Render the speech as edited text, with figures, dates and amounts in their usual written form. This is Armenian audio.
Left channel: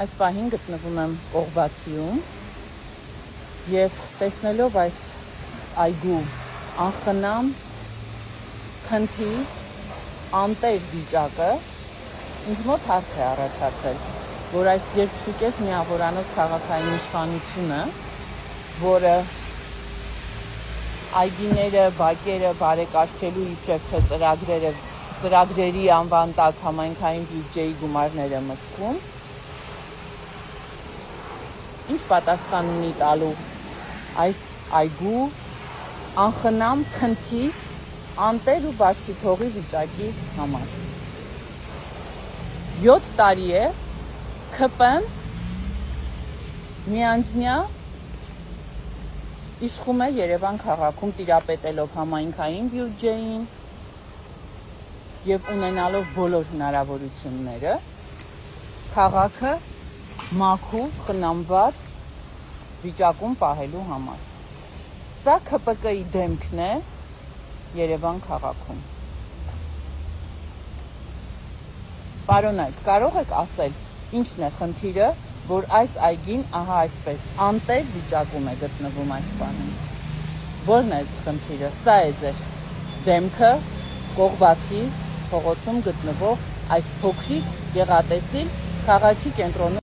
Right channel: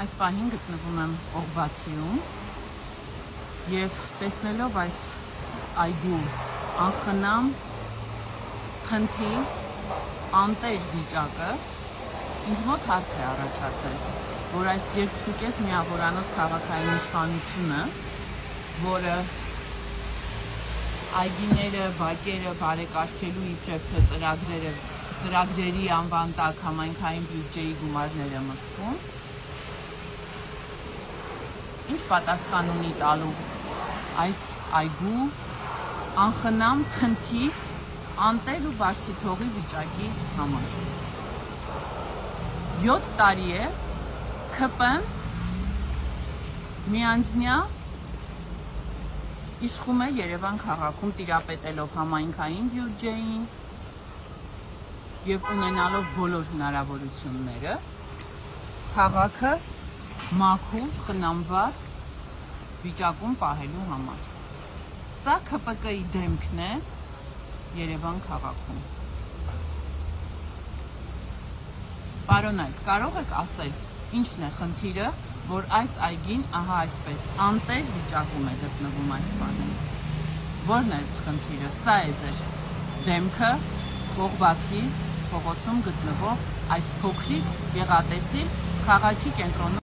Այս պահին գտնվում եմ Կողբացիում և տեսնելով այս այգու անխնամ, խնդի, անտեր վիճակը, ինձ մոտ հարց է առաջացել, որ այս երկցուկես միավորանոց քաղաքային իշխանությունը, որը այգիները, բակերը բարեկարգելու իբրև թե ծրագրերի անվան տակ համայնքային բյուջեի գումարները մսկում, ինչ պատասխան ունի տալու այս այգու անխնամ, խնդի, անտեր ու բարձիթողի վիճակի համար։ 7 տարի է ՔՊ-ն միանձնյա իշխում է Երևան քաղաքում, տիրապետելով համայնքային բյուջեին և ունենալով բոլոր հնարավորությունները, քաղաքը մաքուր, խնամված վիճակում պահելու համար։ Սա ՔՊԿ-ի դեմքն է Երևան քաղաքում։ Պարոնայք, կարող եք ասել, ինչն է խնդիրը, որ այս այգին ահա այսպես անտեր վիճակում է գտնվում այս բանում։ Որն է խնդիրը։ Սա է ձեր դեմքը Կողբացի փողոցում գտնվող այս փոքրիկ գեղատեսիլ քաղաքի կենտրոնում